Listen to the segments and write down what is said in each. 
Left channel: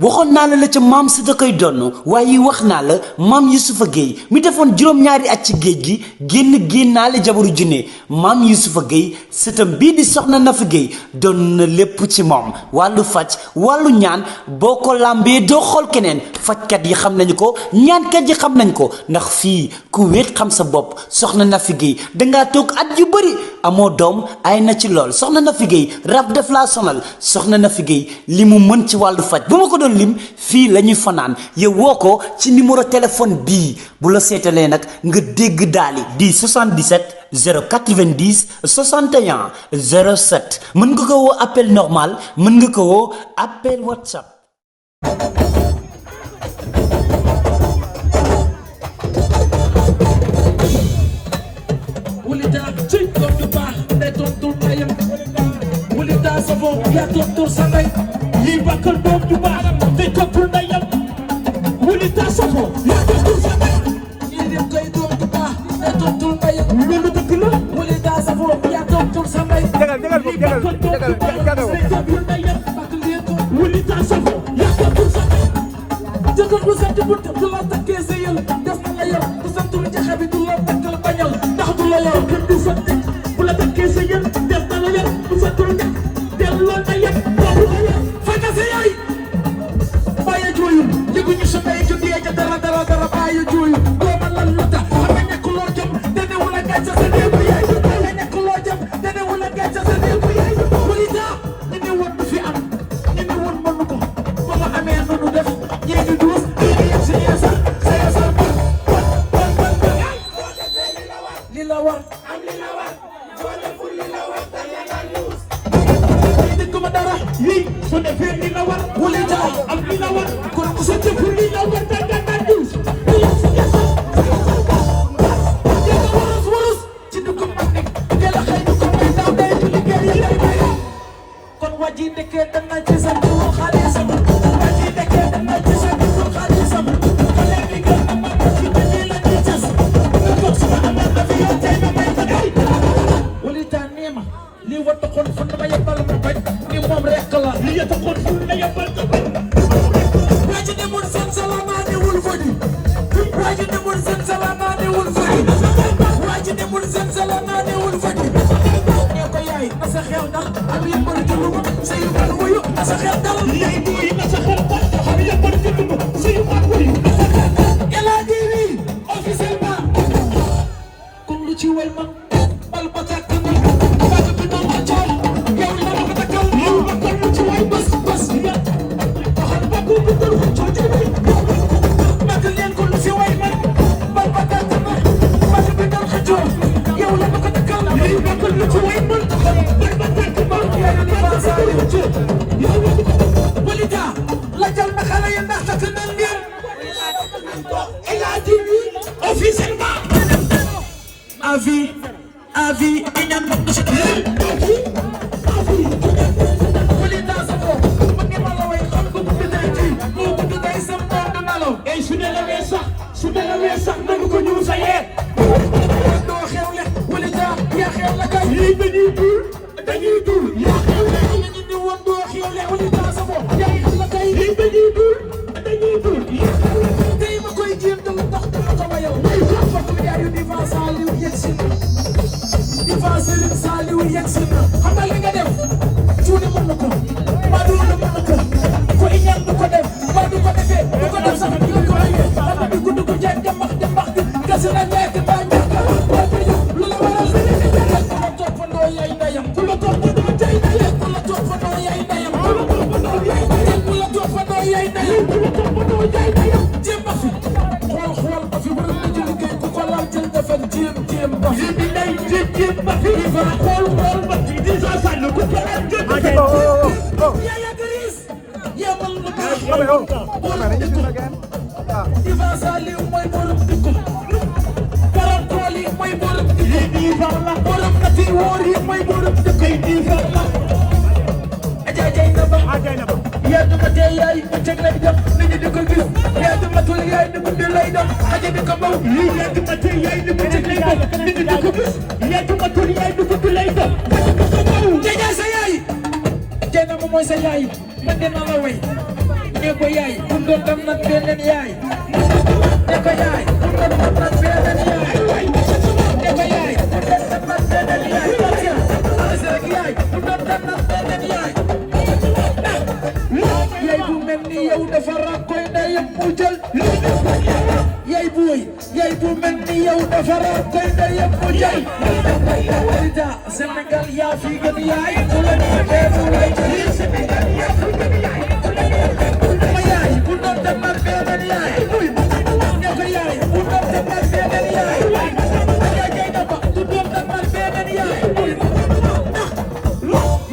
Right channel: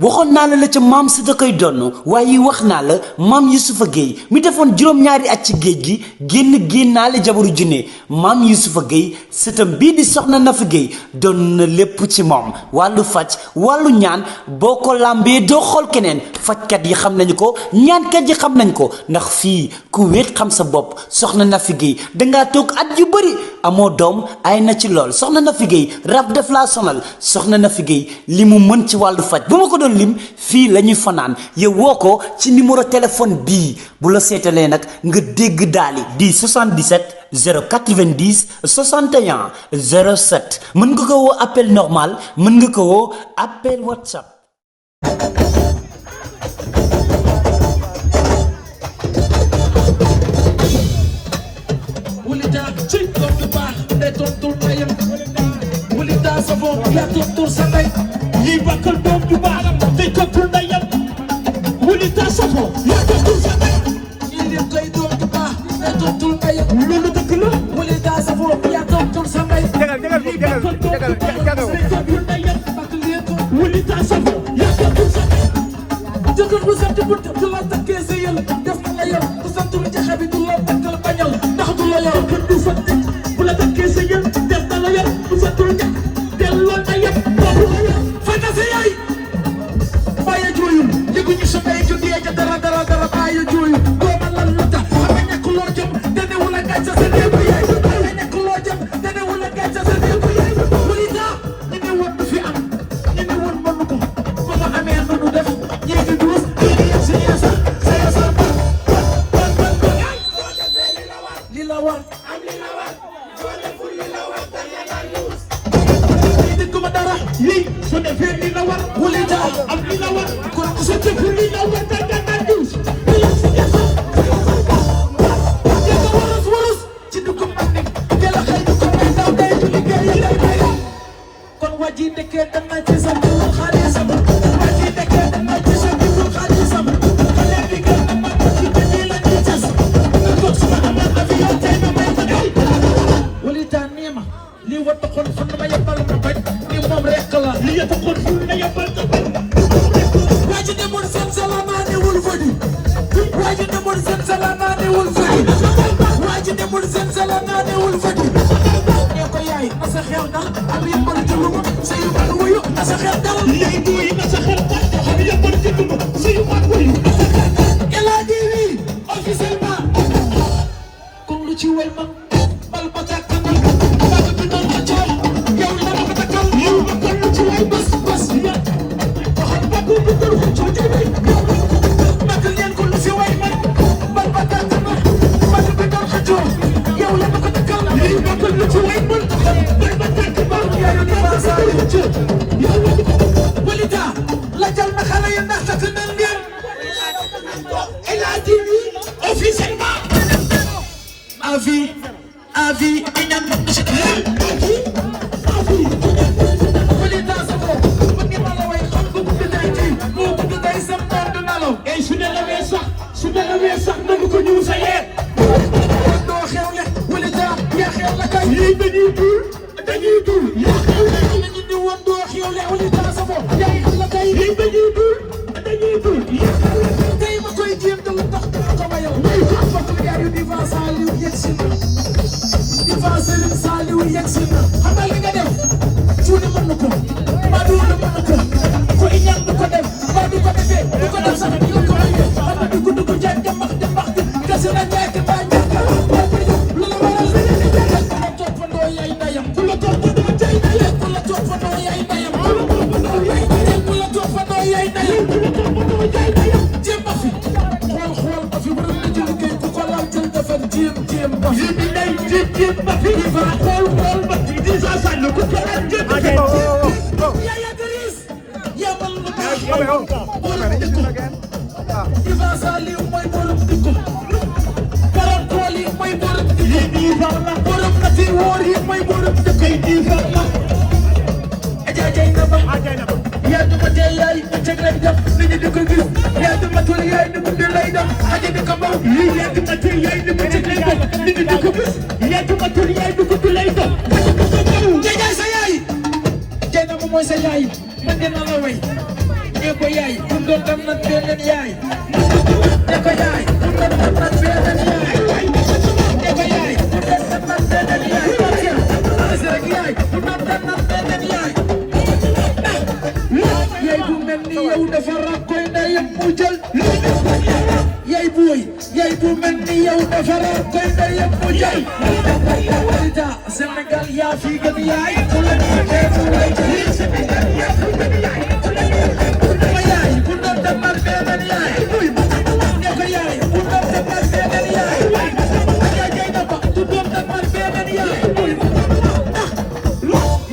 waxoon naa la ca maam si da koy donn waaye wax naa la maam Yusufa Gueye mi defoon juróom-ñaari at ci géej gi génnaale jabaru junne maam Yusufa Gueye sëtam bii di soxna Nafi Gueye doon na lépp ci moom wàllu faj wàllu ñaan boo ko làmbee doo xool keneen fajkat yi xam nañu ko ñaankat yi xam nañ ko ndax fii ku wéet xam sa bopp soxna Nafi Gueye dangaa toog at yu bëri amoo doom ay na ci lool soxna Nafi Gueye rab def laa sonal soxna Nafi Gueye li mu mën ci wàllu faj bu ma ko doon lim fii la ñuy fanaan yow woo ko ci numéro téléphone bii bu la seetalee nag nga dégg daali di 77 090 61 07 mën nga ko woo appel normal mën nga ko woo appel WhatsApp. yaay bu mel ni yow dafa rakkoy ndeyam mu jël yaay bu mel ni yow dafa rakkoy ndeyam mu jël Sénégal yaa fi gën yaay bu doon demal beneen yaay ñaka yaay bu doon demal beneen yaay bu doon demal beneen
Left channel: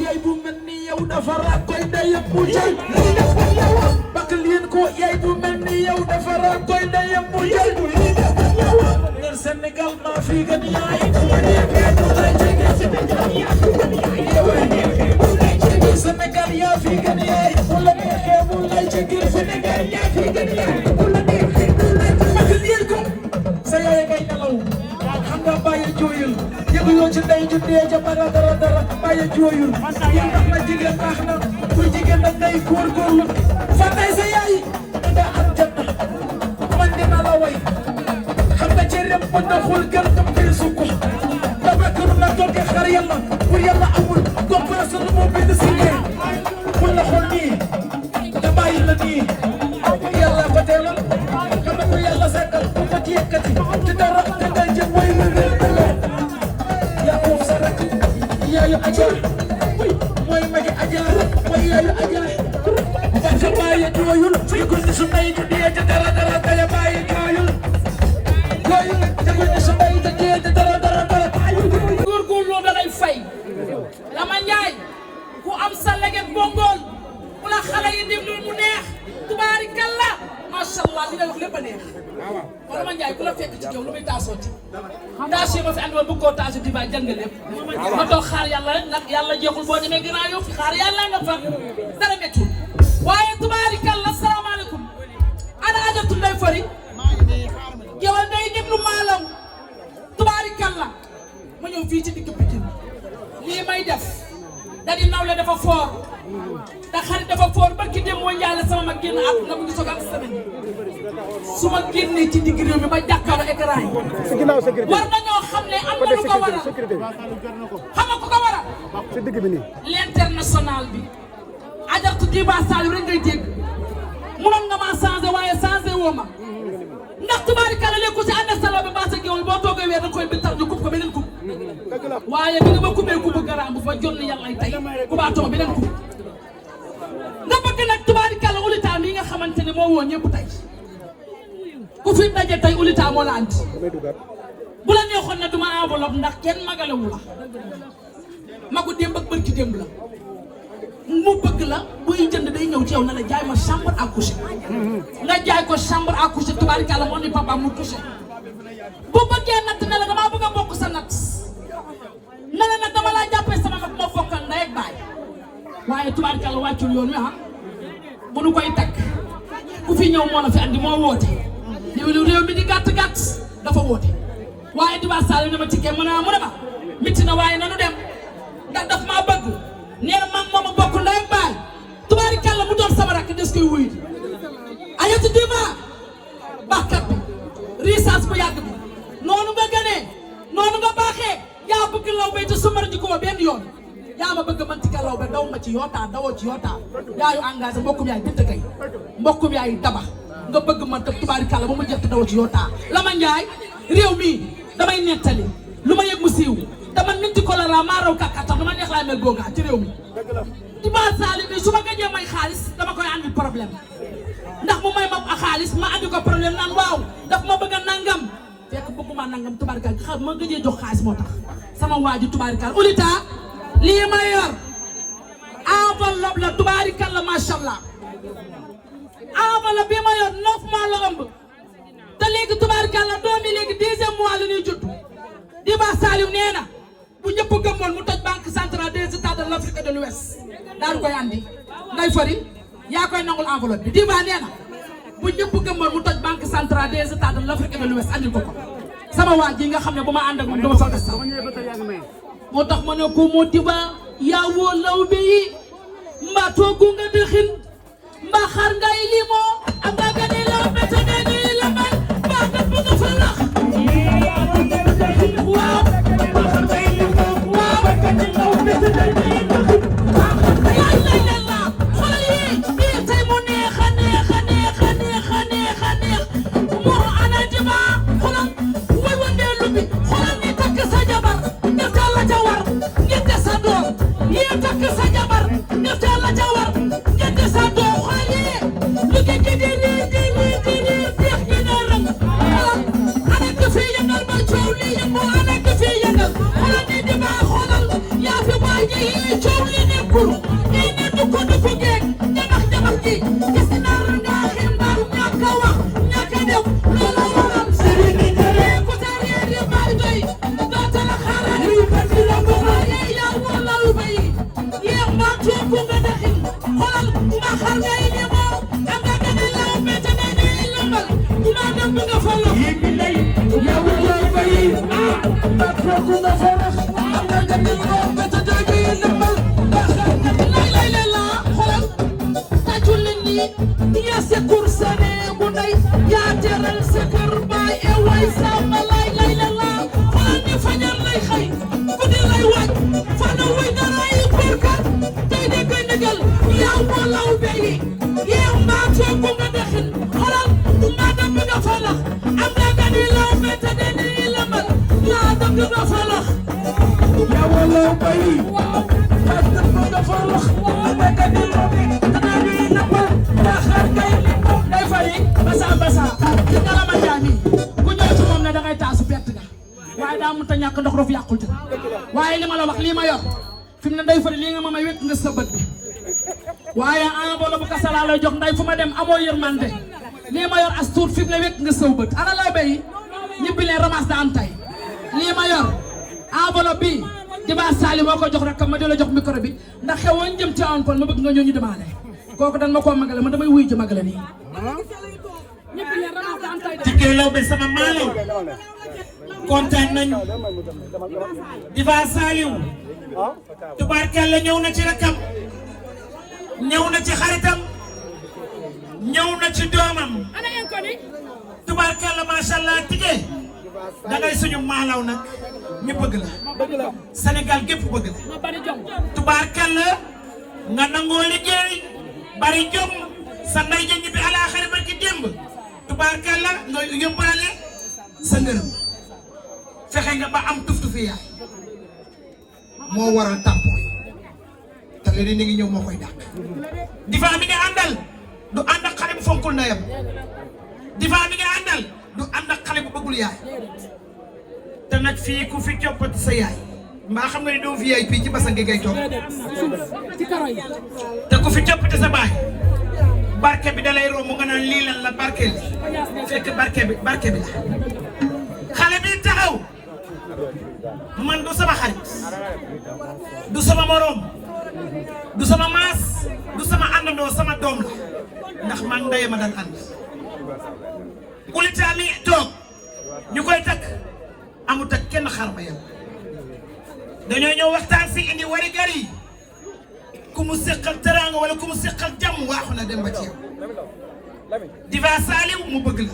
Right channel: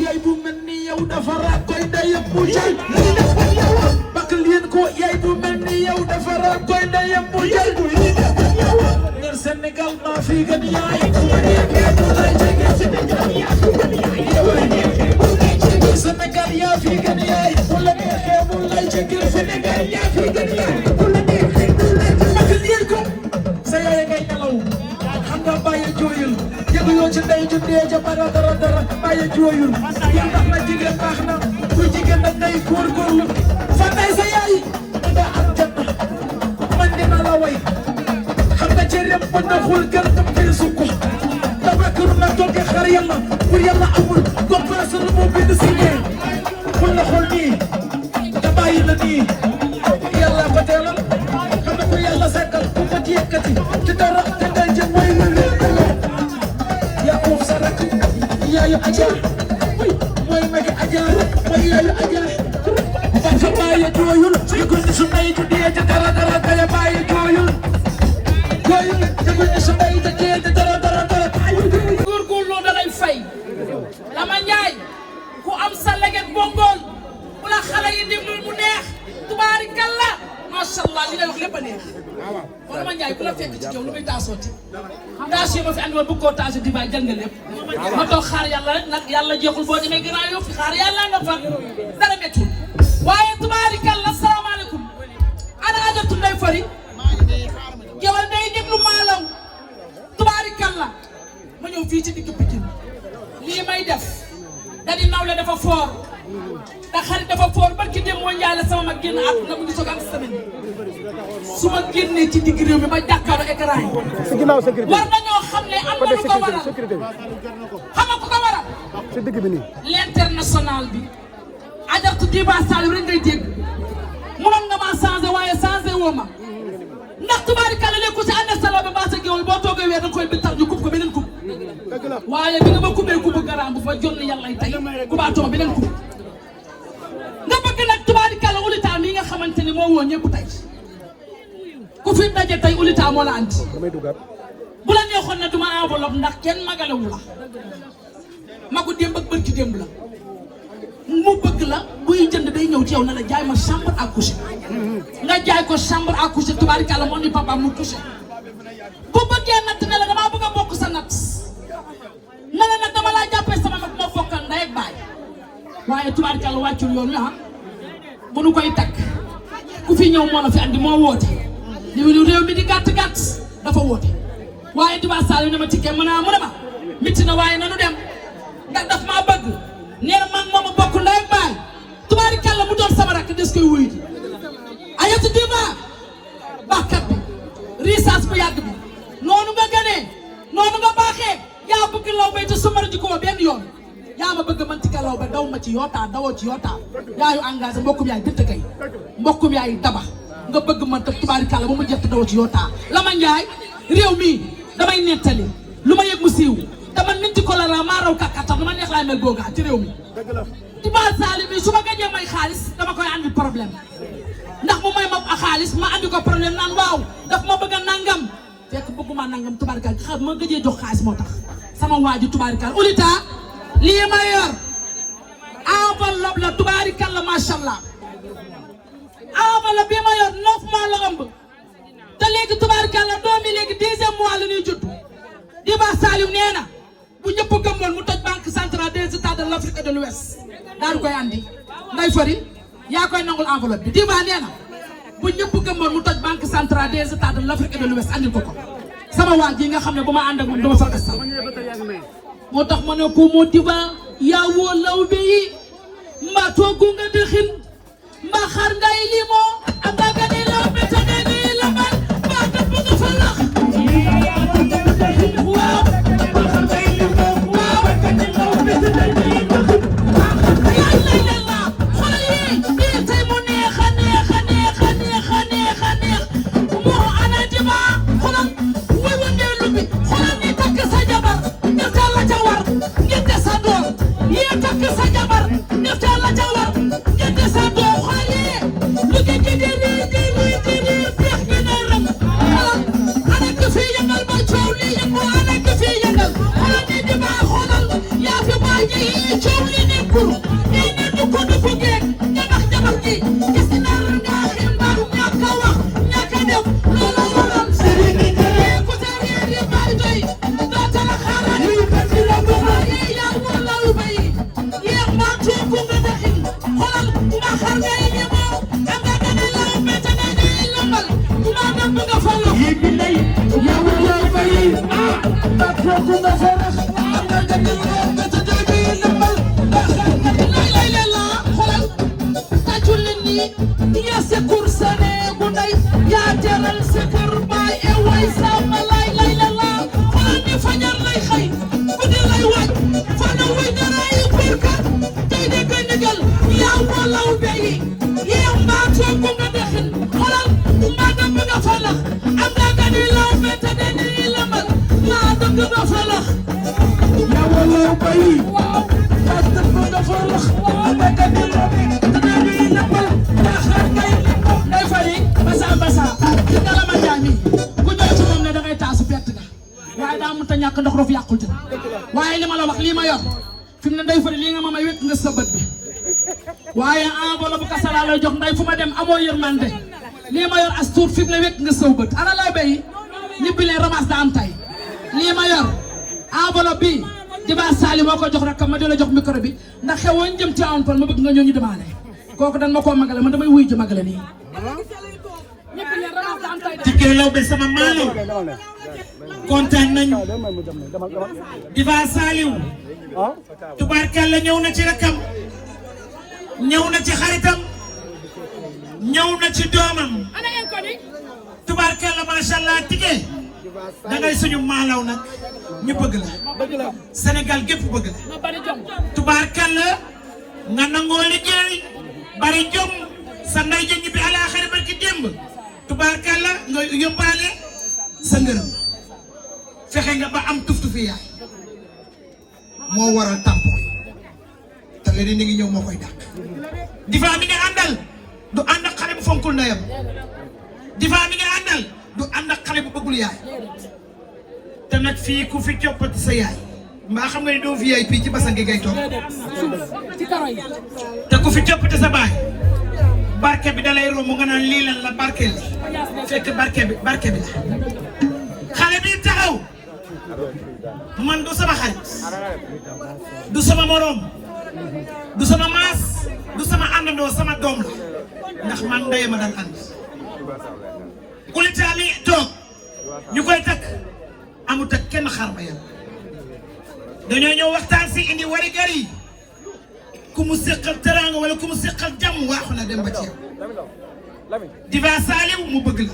yaay bu mel ni yow dafa rakkoy ndeyam mu jël bakk leen ko yaay bu mel ni yow dafa rakkoy ndeyam mu jël ngir Sénégal maa fi gën yaay Sénégal yaa fi gën yaay bu la neexee bu lay jege Sénégal yaa fi gën yaay bakk leen ko sa yaay ngay nelaw waaw xam nga bàyyi jooyul yëguloo ci ndey ju dee ca dara bàyyi jooyul yaa xam na jigéen baax na ku jigéen nag day góorgóorlu fa tey sa yaay da am jot man dina la way xam nga ci lépp ba doxul gën tam fay sukk tabakar na toog xar yàlla pour yàlla amul commencé lu mu bind si ñee pour la xul nii da bàyyi la nii yàlla fa teelal xam nga pour yàlla sekkal ku ko ci yëkkati ci dara te day jëm way yaa moom sa rakk yaayu aja mooy magi aja mooy yaayu aja sa bàyyi jooyul ci guddi su may ju dee te dara daya bàyyi jooyul yooyu nag te guddi su may ju dee te dara bàyyi jooyul góorgóorloo da ngay fay Lama Njaay ku am sa leget bongool bu la xale yi déglul mu neex tubaarikalla macha allah li ngay wax lépp a neex kon Lama Njaay ku la fekk ci jow lu muy taasoo ci taasoo ma fi ànd bëgg koo taasoo di baay jël nga lépp ma toog xaar yàlla rek nag yàlla jeexul boo demee gannaaw yow xaar yàlla nga fa dara méttul waaye tubaarikalla salaamaaleykum ana ajatu ndoy fari yow day déglu maalam tubaarikalla ma ñëw fii ci digg Pikine lii may def da di nawle dafa foor da xarit dafa foor barki dem moo njaale sama mag génn àdduna mu ngi soog am semaine su ma génnee ci digg réew mi ba jàkkaarloo écran yi war nañoo xam ne am na lu ko waral xam nga ku ko waral l'international bi ajartu Diba Saliou rek ngay dégg mënoon nga maa changé waaye changé woo ma ndax tubaarikàlla léegi ku ci ànd salo ba baa sa géwal boo toogee weer da koy bi tax ñu kub ko beneen kub waaye bi nga ma kubee kubu garaan bu fa jonn yàlla tey kubaatoo beneen kub nga bëgg nag tubaarikàlla ulitaa mi nga xamante ne moo woo ñëpp tey ku fi daje tey ulitaa moo la andi bu la neexoon na duma enveloppe ndax kenn magalewu la ma ko démb ak bërki démb la mu bëgg la buy jënd day ñëw ci yow na la jaay ma chambre à coucher nga jaay ko chambre à coucher tubaarikàlla moo ni papa mu coucher bu bëggee natt ne la damaa bëgg a bokk sa natt ne la nag dama laa jàppee sama mag moo fokkal ndey ak baay waaye tubaarikàlla wàccul yoon wi bu nu koy takk ku fi ñëw moo la fi andi moo woote li réew mi di gàtt dafa woote waaye Diba Saliou ne ma tikkee mu ne ma mitti na waaye nanu dem ndax daf maa bëgg nee na man moom bokk ndey ak baay tubaarikàlla mu doon sama rakk des koy wuyu ji ayatu Diba baaxkat bi risaas bu yàgg bi noonu nga gënee noonu nga baaxee yaa bëgg law bay te sumar ji ko benn yoon yaa ma bëgg man tika law ba daw ma ci yootaa dawoo ci yootaa yaayu engagé mbokkum yaay dëtt kay mbokkum yaay daba nga bëgg man te tubaarikàlla ba mu jëkk dawoo ci yootaa Lama Njaay réew mi damay nettali lu ma yëg mu siiw te man minti ko la maa raw kàkkaat tax du ma neex laa mel googaa ci réew mi Diba Saliou mi su ma gëjee may xaalis dama koy andi problème ndax mu may ma xaalis ma andi ko problème naan waaw daf ma bëgg a nangam fekk bëgguma nangam tubaarikàlla xam ma gëjee jox xaalis moo tax sama waa ji tubaarikàlla ulita lii ma yor enveloppe la tubaarikàlla macha allah enveloppe bi ma yor 9 mois la ëmb te léegi tubaarikàlla doom yi léegi 10e mois la ñuy judd Diba Saliou nee na bu ñëpp gëmmoon mu toj banque centrale des États de l'Afrique de l'Ouest daal koy andi day fari yaa koy nangul enveloppe bi Diba nee na bu ñëpp gëmmoon mu toj banque centrale des États de l'Afrique de l'Ouest andi ko sama waa ji nga xam ne bu ma ànd ak moom dama fa gas moo tax ma ne ko moo Diba yaa woo lawbe yi mbaa toogu nga di xin mbaa xar ngay limoo am nga gane lawbe te ne nii la man mbaa kat bu nga fa lax waaw yaay lay leen la xoolal yi tey lay jox nday fu ma dem amoo yërmande lii ma yor as tuut fi mu ne wét nga sëw bët ana laa bay ñibbi leen ramas da am tay lii ma yor enveloppe bi Diba Sali moo ko jox rek ma di la jox micro bi ndax xew wañ jëm ci an pol ma bëgg nga ñëw ñu demandé kooku dan ma koo magale man damay wuy ji magale nii ñibbi leen ramas da am tay Tické Laobé sama maalo kontaan nañu Diba Saliou tubaarkàlla ñëw na ci rakam ñëw na ci xaritam ñëw na ci doomam tubaarkàlla macha allah Tické dangay suñu maalaw nag ñu bëgg la Sénégal gépp bëgg la tubaarkàlla nga nangoo liggéey bari jom sa ndey ja ñibbi alaaxira ba ci démb tubaarkàlla nga yóbbaale sa ngërëm fexe nga ba am tuf-tufi yaay moo waral tampon te léegi ni ngi ñëw moo koy dàq Diva mi nga àndal du ànd ak xale bu fonkul ndeyam Diva mi nga àndal du ànd ak xale bu bëggul yaay te nag fii ku fi coppati sa yaay mbaa xam nga ni doo VIP ci basa gi ngay toog te ku fi coppati sa baay barke bi dalay romb nga naan lii lan la barkeel fekk barke bi la xale bi taxaw man du sama xarit du sama morom du sama maas du sama àndandoo sama doom la ndax man ndey ma dal ànd Oulita mi toog ñu koy takk amut ak kenn xaar ba yow dañoo ñëw waxtaan si indi wari gar yi ku mu seqal teraanga wala ku mu seqal jàmm waaxu na dem ba ci yow Diva Saliou mu bëgg la